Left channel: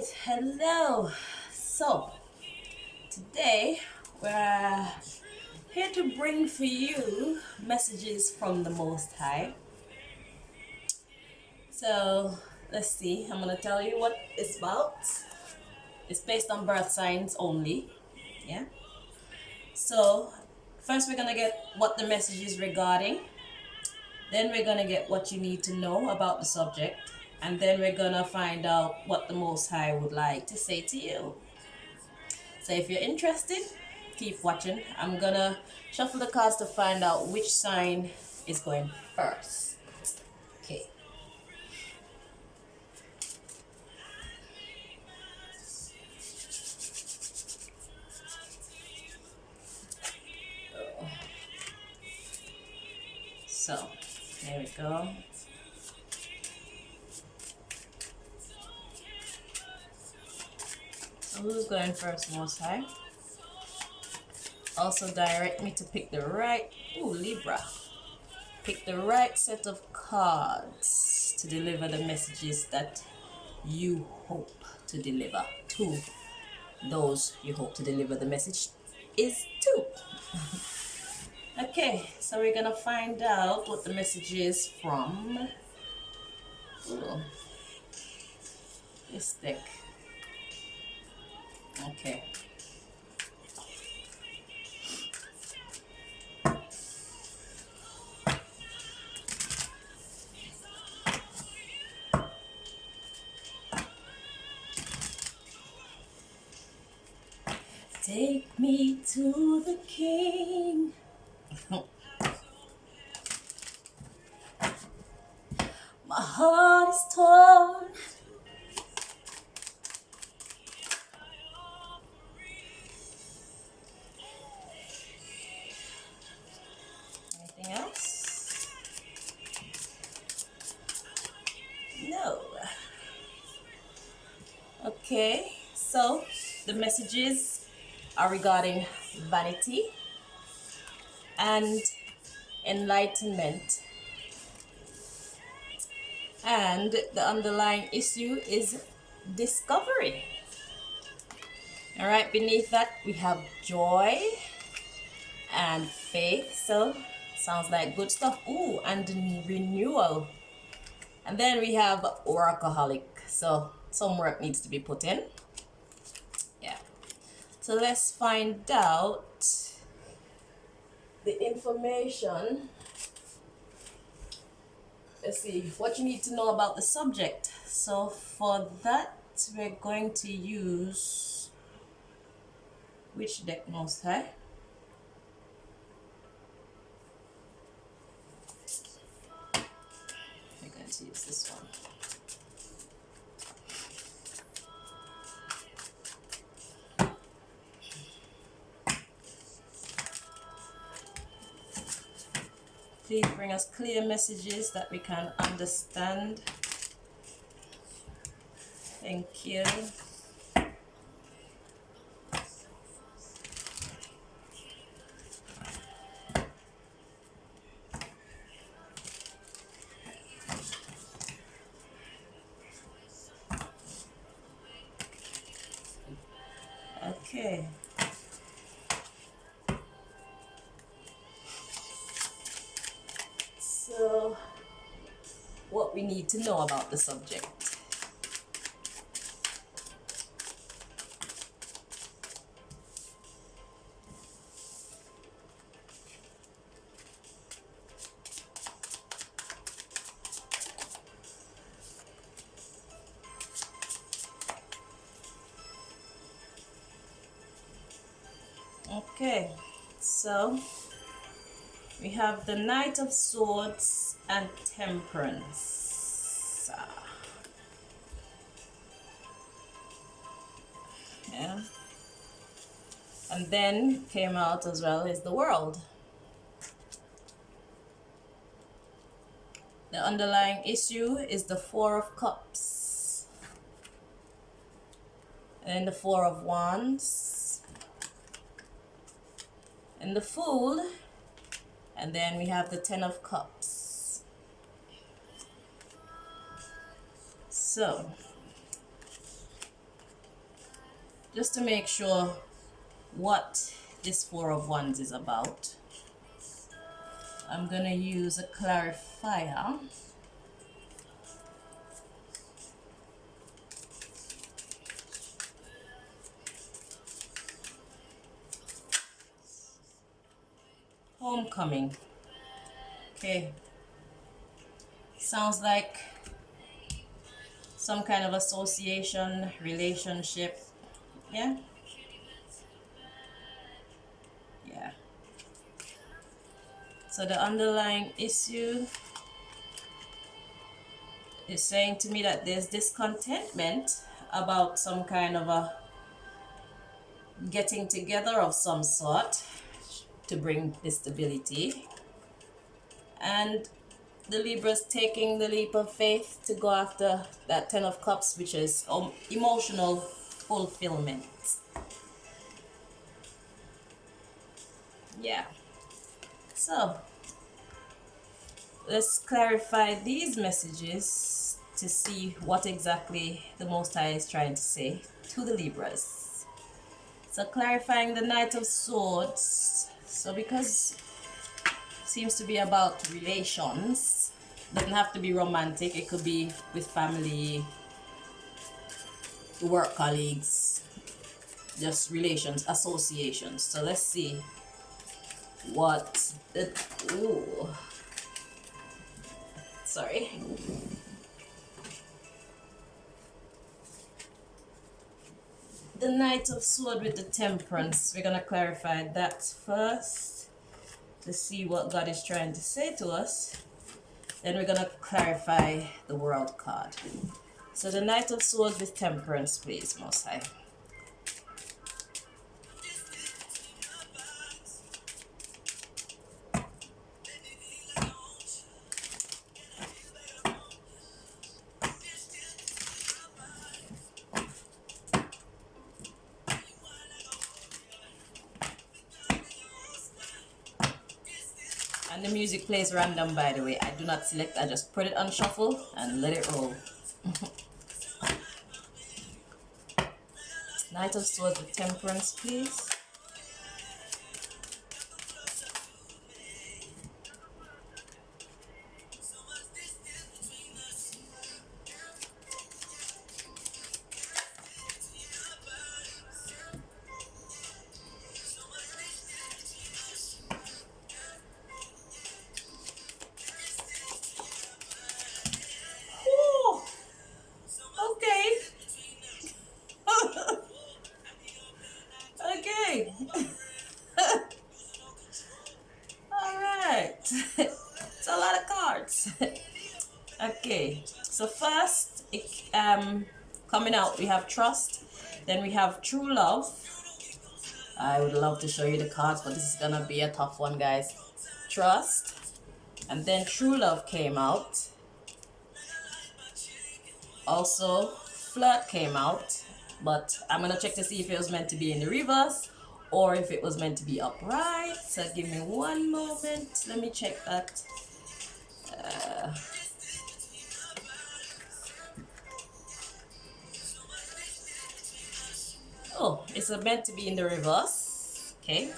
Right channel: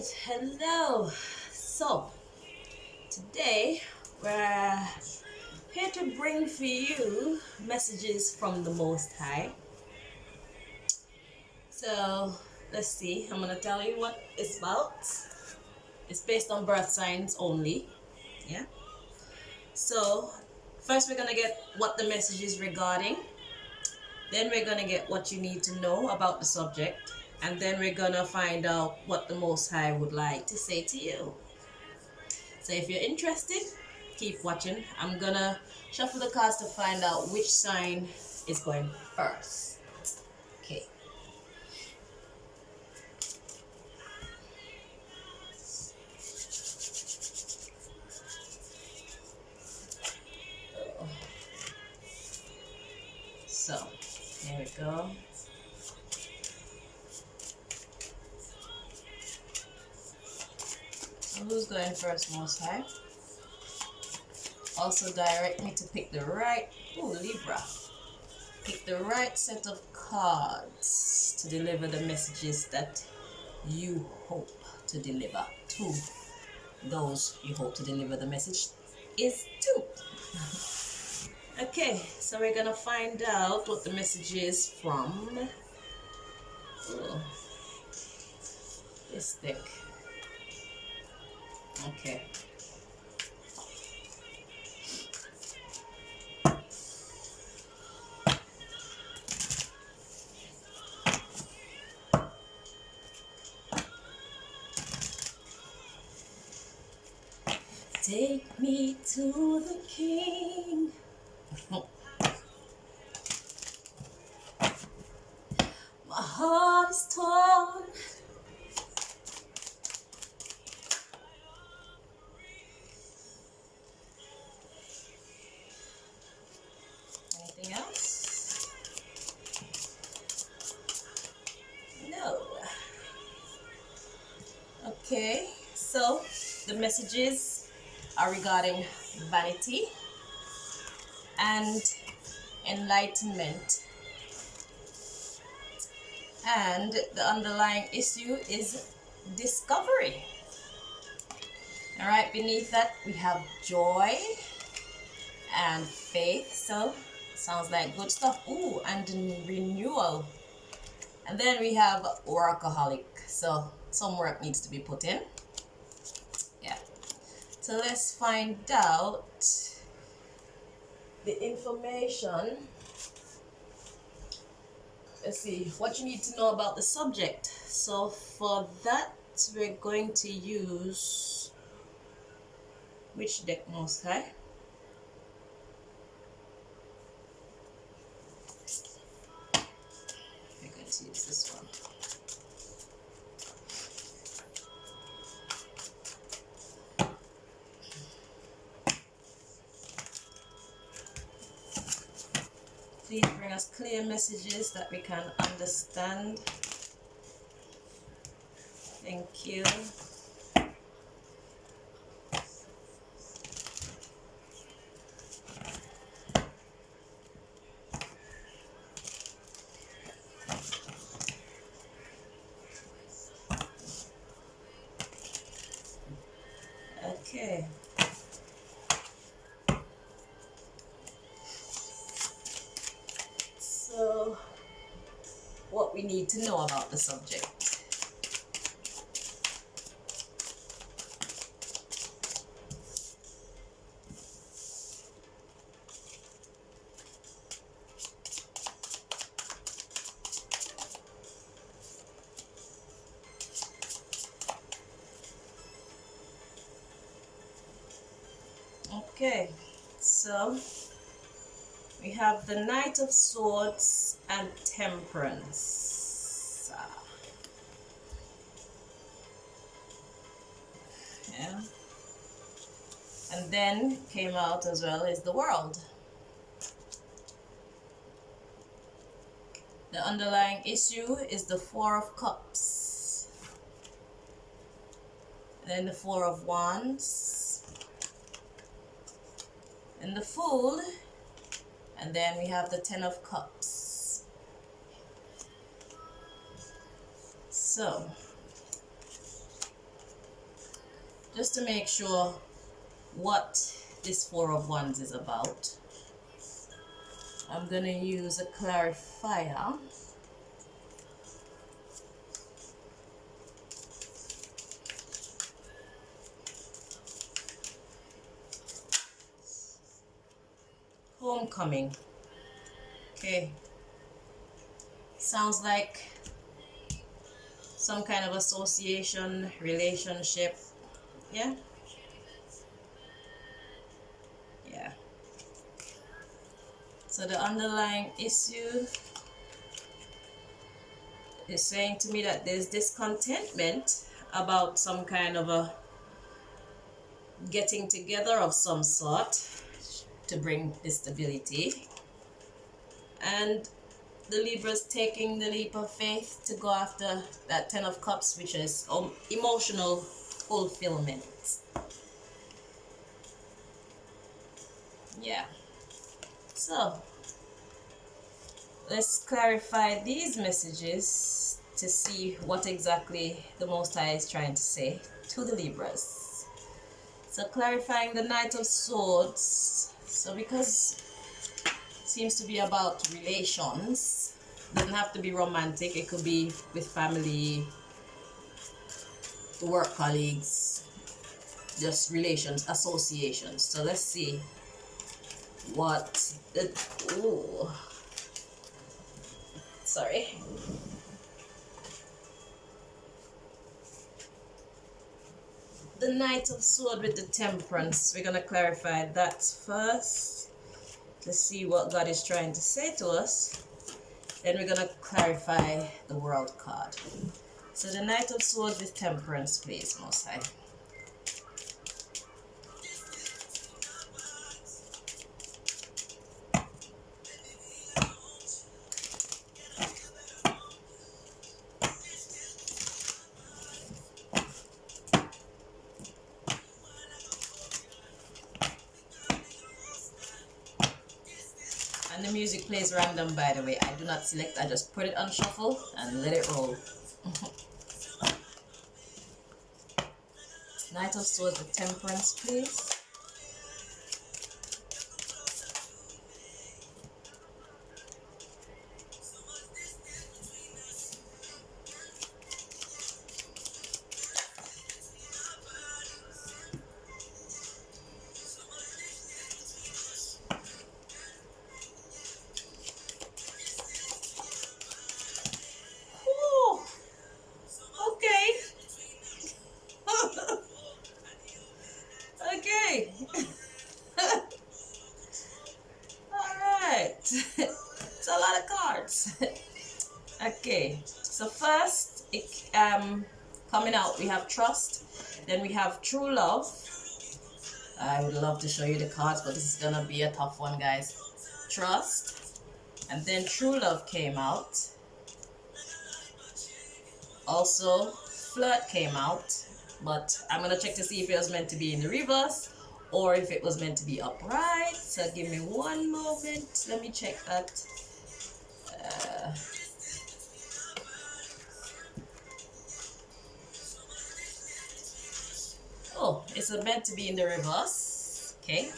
right, hello. So today we're here to bring for you messages from the Most High. So let's see, I'm gonna tell you what it's about. It's based on birth signs only. Yeah. So first we're gonna get what the message is regarding. Then we're gonna get what you need to know about the subject. And then we're gonna find out what the Most High would like to say to you. So if you're interested, keep watching. I'm gonna shuffle the cards to find out which sign is going first. Okay. So, there we go. So who's going first, Most High? Also direct me to pick the right, Libra. Pick the right set of cards to deliver the messages that you hope to deliver to those you hope to deliver the message is to. Okay, so we're gonna find out what the message is from this deck. Okay. Take me to the king. My heart is torn. Anything else? No. Okay, so the messages are regarding vanity and enlightenment. And the underlying issue is discovery. All right, beneath that we have joy and faith. So sounds like good stuff. Ooh, and renewal. And then we have workaholic. So some work needs to be put in. Yeah. So let's find out the information. Let's see what you need to know about the subject. So for that, we're going to use which deck, Most High? We're going to use this one. Please bring us clear messages that we can understand. Thank you. Okay. So, what we need to know about the subject. Okay, so we have the Knight of Swords and Temperance. Yeah. And then came out as well is the World. The underlying issue is the Four of Cups. And then the Four of Wands. And the Fool. And then we have the Ten of Cups. So just to make sure what this Four of Wands is about, I'm gonna use a clarifier. Homecoming. Okay. Sounds like some kind of association, relationship. Yeah? Yeah. So the underlying issue is saying to me that there's discontentment about some kind of a getting together of some sort to bring this stability. And the Libra's taking the leap of faith to go after that Ten of Cups, which is emotional fulfillment. Yeah. So, let's clarify these messages to see what exactly the Most High is trying to say to the Libras. So, clarifying the Knight of Swords. So, because it seems to be about relations, doesn't have to be romantic, it could be with family, work colleagues, just relations, associations. So let's see what the the Knight of Swords with the Temperance. We're gonna clarify that first to see what God is trying to say to us. Then we're gonna clarify the World card. So the Knight of Swords with Temperance, please, Most High. And the music plays random, by the way. I do not select, I just put it on shuffle and let it roll. Knight of Swords with Temperance, please. Okay. Alright. It's a lot of cards. Okay. So first, coming out, we have Trust. Then we have True Love. I would love to show you the cards, but this is gonna be a tough one, guys. Trust. And then True Love came out. Also, Flirt came out. But I'm gonna check to see if it was meant to be in the reverse or if it was meant to be upright. So give me one moment. Let me check that. Oh, it's meant to be in the reverse. Okay.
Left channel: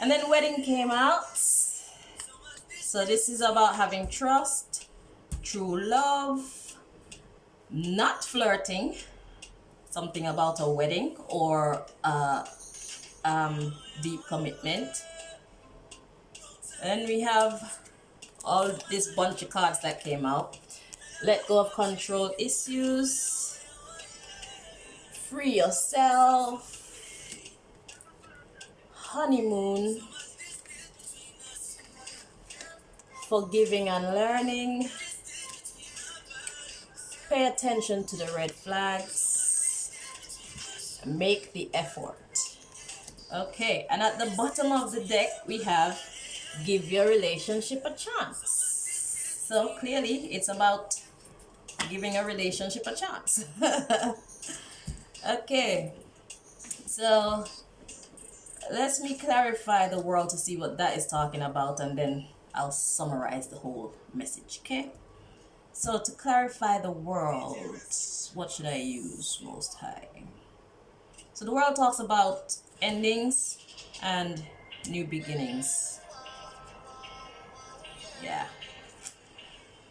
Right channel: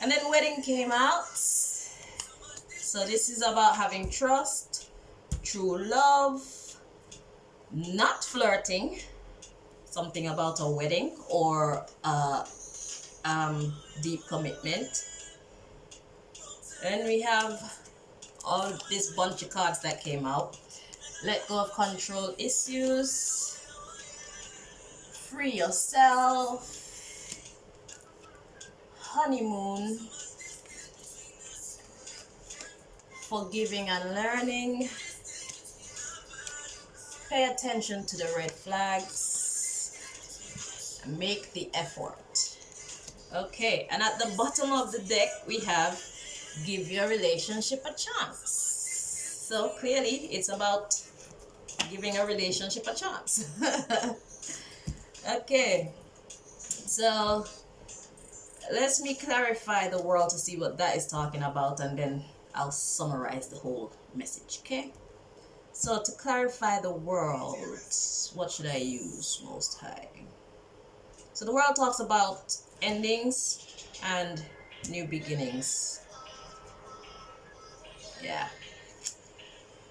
And then Wedding came out. So this is about having trust, true love, not flirting, something about a wedding or deep commitment. And we have all this bunch of cards that came out. Let go of control issues, free yourself, honeymoon, forgiving and learning, pay attention to the red flags, make the effort. Okay, and at the bottom of the deck we have give your relationship a chance. So clearly it's about giving a relationship a chance. Okay, so let me clarify the world to see what that is talking about, and then I'll summarize the whole message. Okay, So to clarify the world, what should I use, Most High? So the world talks about endings and new beginnings. Yeah.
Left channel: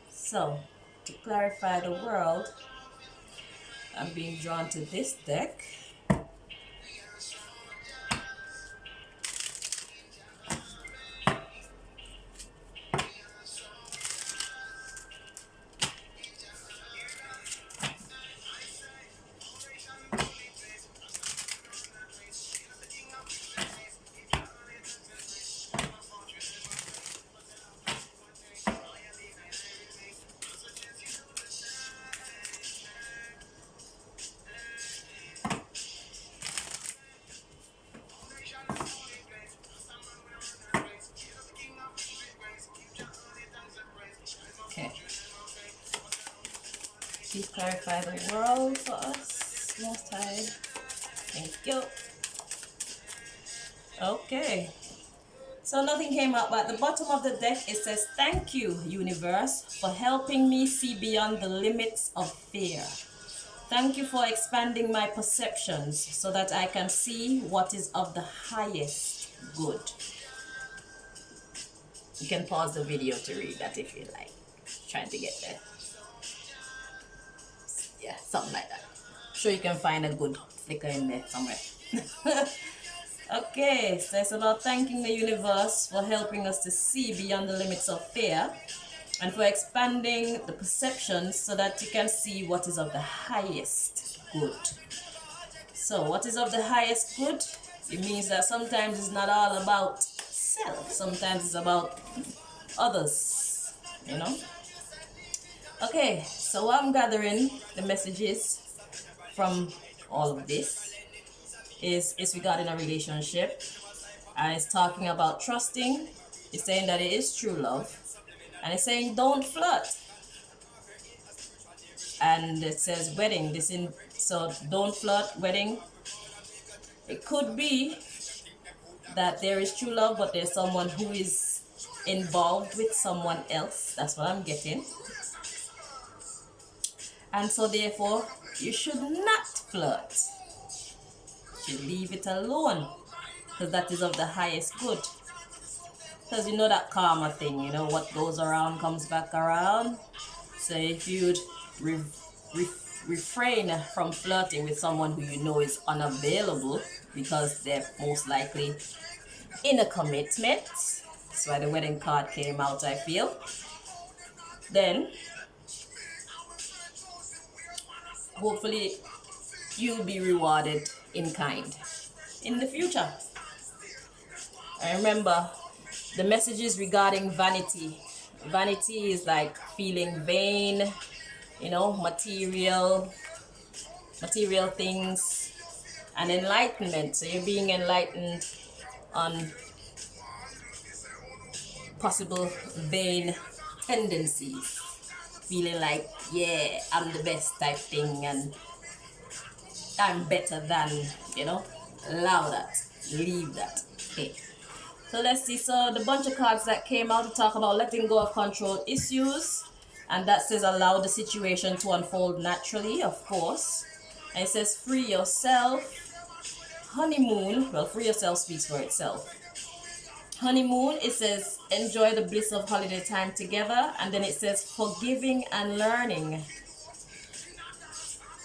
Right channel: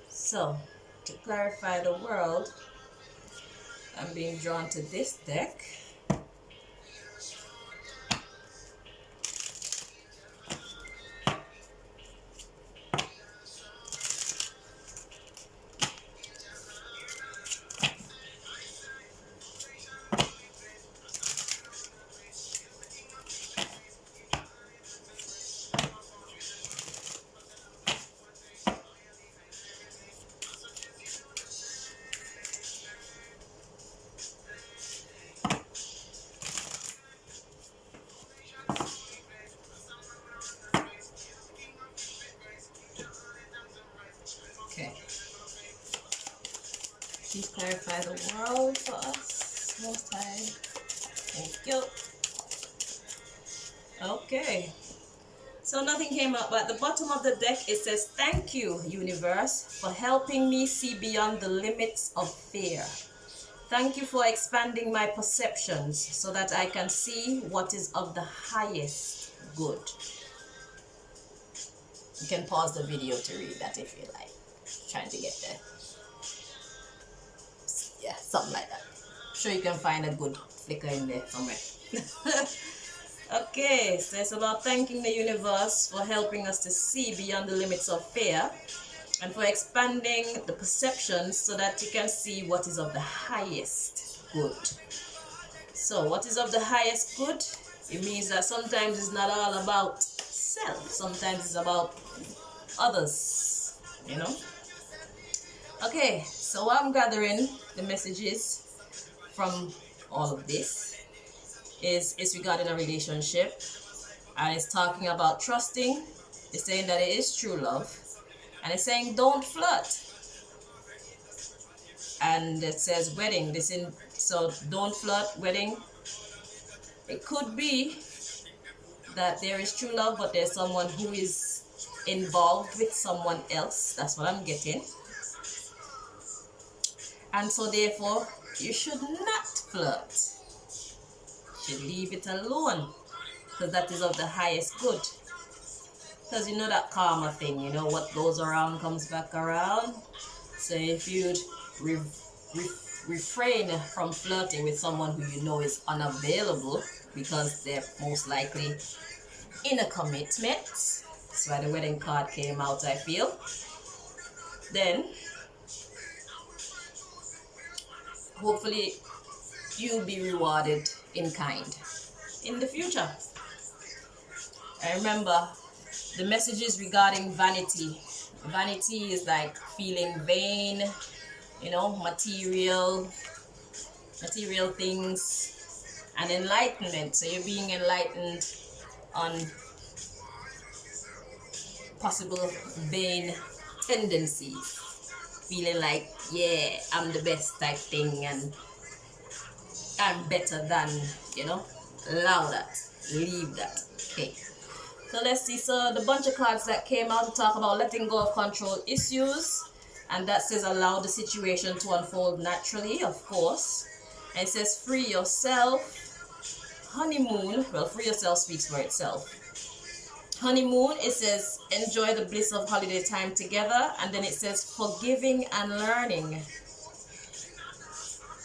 So to clarify the world, I'm being drawn to this deck. Okay. Please clarify the world for us, Most High. Thank you. Okay. So nothing came up, but at the bottom of the deck it says, "Thank you, universe, for helping me see beyond the limits of fear. Thank you for expanding my perceptions so that I can see what is of the highest good." You can pause the video to read that if you like. Trying to get there. Yeah, something like that. I'm sure you can find a good flicker in there somewhere. Okay, so it's about thanking the universe for helping us to see beyond the limits of fear and for expanding the perceptions so that you can see what is of the highest good. So what is of the highest good? It means that sometimes it's not all about self. Sometimes it's about others, you know? Okay, so what I'm gathering the messages from all of this is regarding a relationship, and it's talking about trusting. It's saying that it is true love, and it's saying don't flirt. And it says wedding. So don't flirt, wedding. It could be that there is true love, but there's someone who is involved with someone else. That's what I'm getting. And so therefore, you should not flirt. You should leave it alone, because that is of the highest good. Because you know that karma thing, you know, what goes around comes back around. So if you'd refrain from flirting with someone who you know is unavailable because they're most likely in a commitment, that's why the wedding card came out, I feel, then hopefully you'll be rewarded in kind in the future. I remember the messages regarding vanity. Vanity is like feeling vain, you know, material things, and enlightenment. So you're being enlightened on possible vain tendencies, feeling like, yeah, I'm the best type thing, and I'm better than, you know. Allow that, leave that. Okay, so let's see. So the bunch of cards that came out to talk about letting go of control issues, and that says allow the situation to unfold naturally, of course. And it says free yourself. Honeymoon, well, free yourself speaks for itself. Honeymoon, it says enjoy the bliss of holiday time together. And then it says forgiving and learning.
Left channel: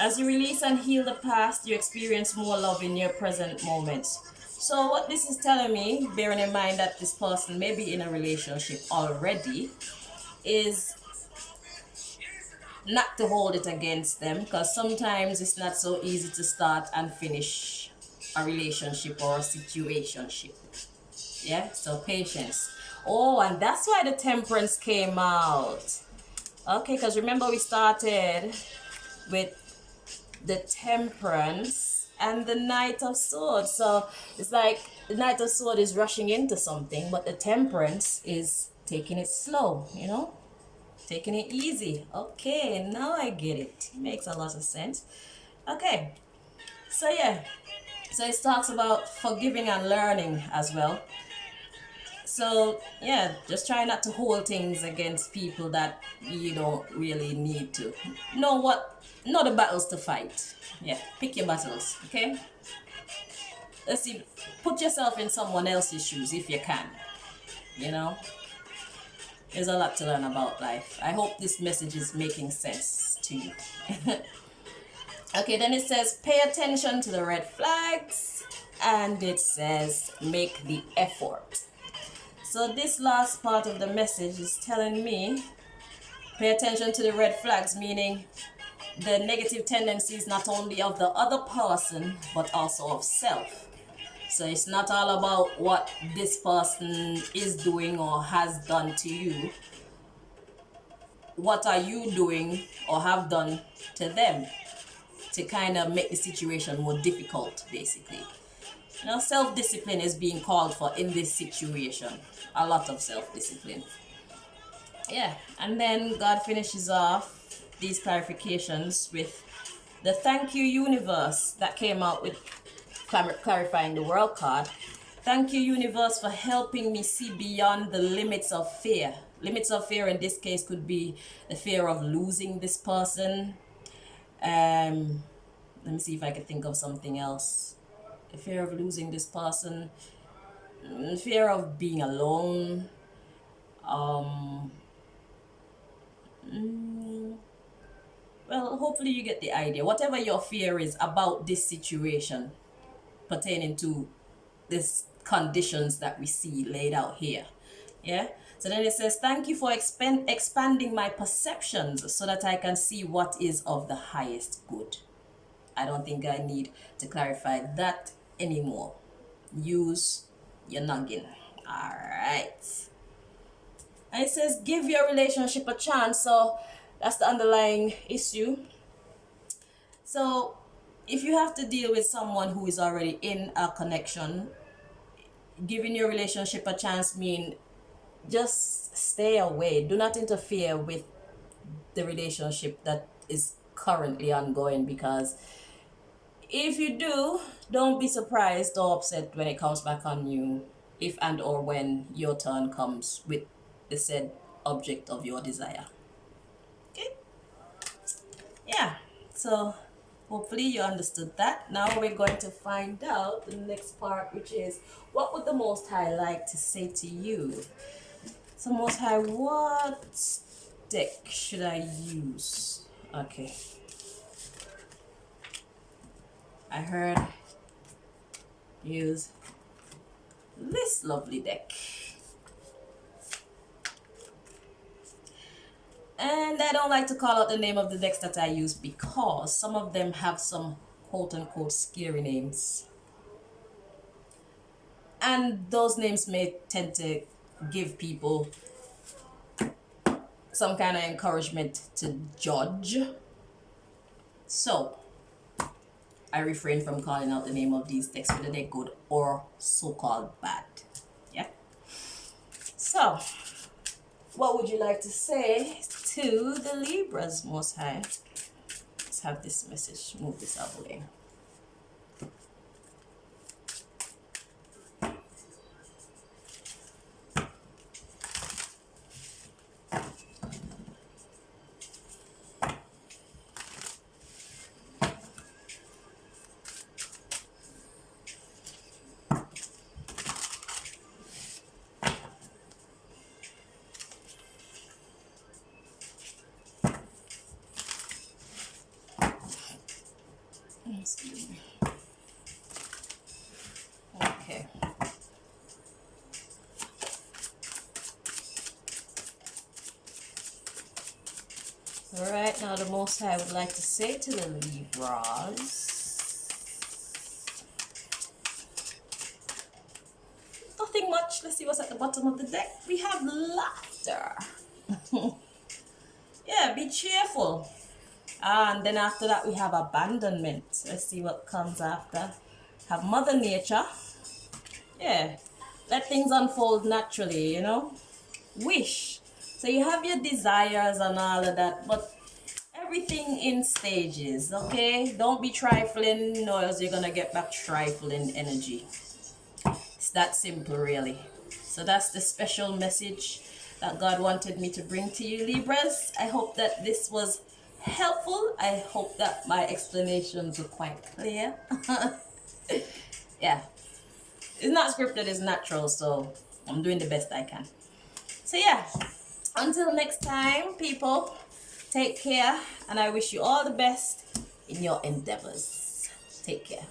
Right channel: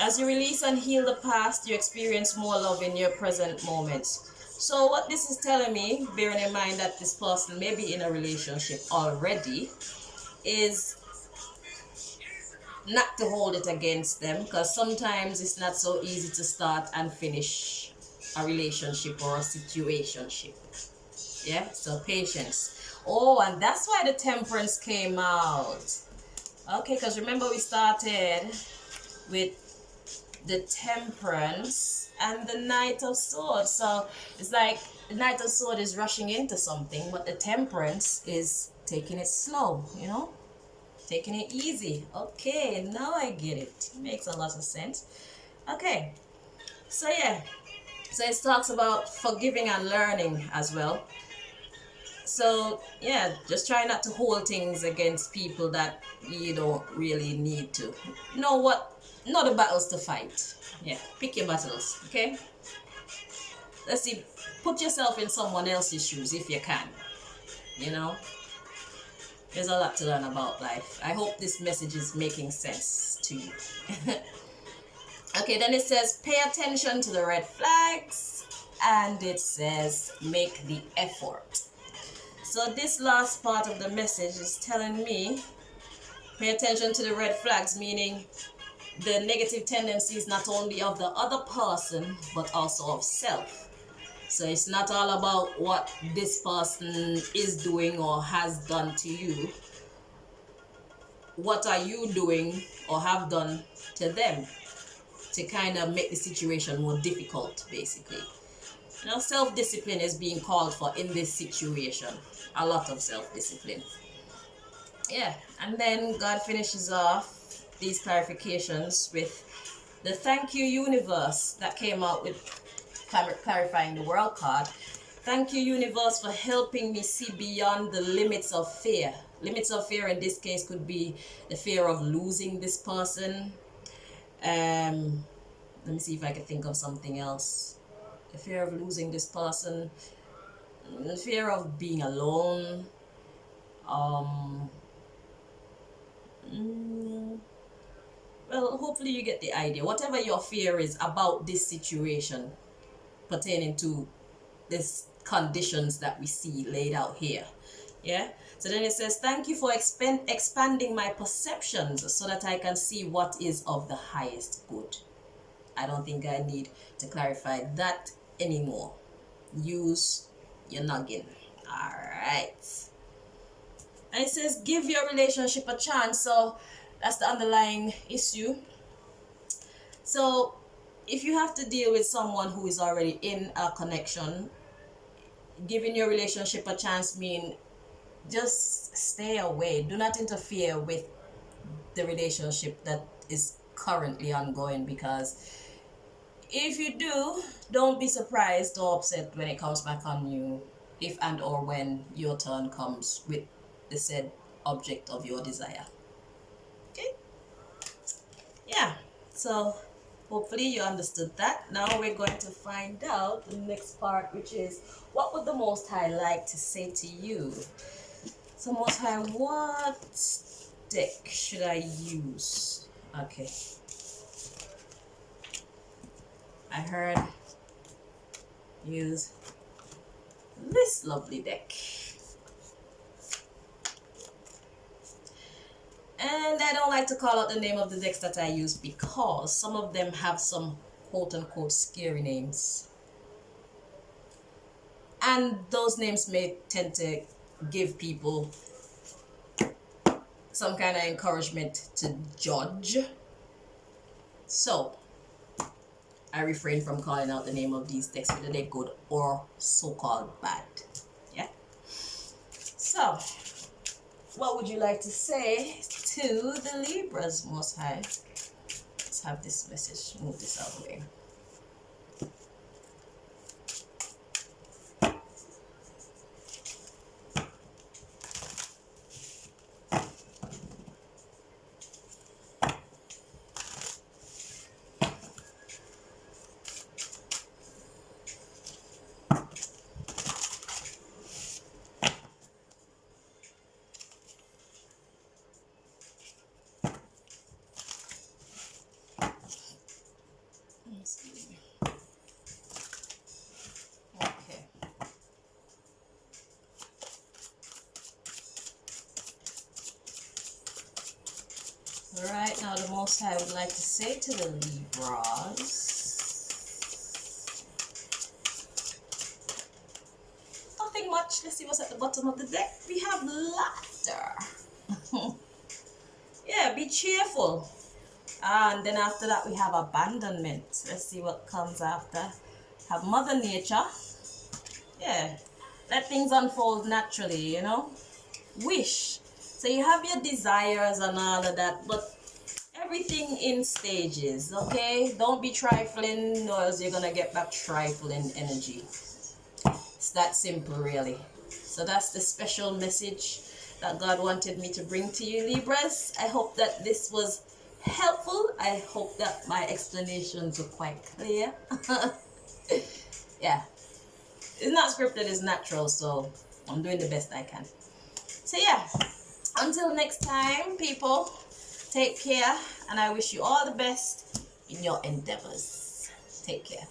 As you release and heal the past, you experience more love in your present moments. So what this is telling me, bearing in mind that this person may be in a relationship already, is not to hold it against them, because sometimes it's not so easy to start and finish a relationship or a situationship. Yeah, so patience. Oh, and that's why the temperance came out. Okay, because remember we started with the temperance and the Knight of Swords. So it's like the Knight of Swords is rushing into something, but the temperance is taking it slow, you know, taking it easy. Okay, now I get it. Makes a lot of sense. Okay, so yeah, so it talks about forgiving and learning as well. So yeah, just try not to hold things against people that you don't really need to. Know the battles to fight. Yeah, pick your battles, okay? Let's see, put yourself in someone else's shoes if you can. You know, there's a lot to learn about life. I hope this message is making sense to you. Okay, then it says pay attention to the red flags, and it says make the effort. So this last part of the message is telling me pay attention to the red flags, meaning the negative tendencies not only of the other person but also of self. So it's not all about what this person is doing or has done to you. What are you doing or have done to them to kind of make the situation more difficult, basically? You know, self-discipline is being called for in this situation. A lot of self-discipline. Yeah, and then God finishes off these clarifications with the thank you universe that came out with clarifying the world card. Thank you universe for helping me see beyond the limits of fear. Limits of fear in this case could be the fear of losing this person. Let me see if I can think of something else. The fear of losing this person, the fear of being alone. Well, hopefully you get the idea. Whatever your fear is about this situation pertaining to these conditions that we see laid out here. Yeah. So then it says, thank you for expanding my perceptions so that I can see what is of the highest good. I don't think I need to clarify that anymore. Use your noggin. All right. And it says, give your relationship a chance. So that's the underlying issue. So if you have to deal with someone who is already in a connection, giving your relationship a chance means just stay away. Do not interfere with the relationship that is currently ongoing, because if you do, don't be surprised or upset when it comes back on you, if and or when your turn comes with the said object of your desire. Okay? Yeah, so hopefully you understood that. Now we're going to find out the next part, which is what would the Most High like to say to you? So Most High, what deck should I use? Okay. I heard use this lovely deck. And I don't like to call out the name of the decks that I use because some of them have some quote-unquote scary names. And those names may tend to give people some kind of encouragement to judge. So, I refrain from calling out the name of these decks, whether they're good or so-called bad. Yeah? So, what would you like to say to the Libras, Most High? Let's have this message. Move this out of the way. Okay. All right, now the Most High would like to say to the Libras, nothing much. Let's see what's at the bottom of the deck. We have laughter. Yeah, be cheerful. And then after that we have abandonment. Let's see what comes after. Have Mother Nature. Yeah, let things unfold naturally, you know. Wish. So you have your desires and all of that, but everything in stages, okay? Don't be trifling, or else you're gonna get back trifling energy. It's that simple, really. So that's the special message that God wanted me to bring to you, Libras. I hope that this was helpful. I hope that my explanations were quite clear. Yeah, it's not scripted, it's natural, so I'm doing the best I can. So yeah, until next time, people, take care, and I wish you all the best in your endeavors. Take care.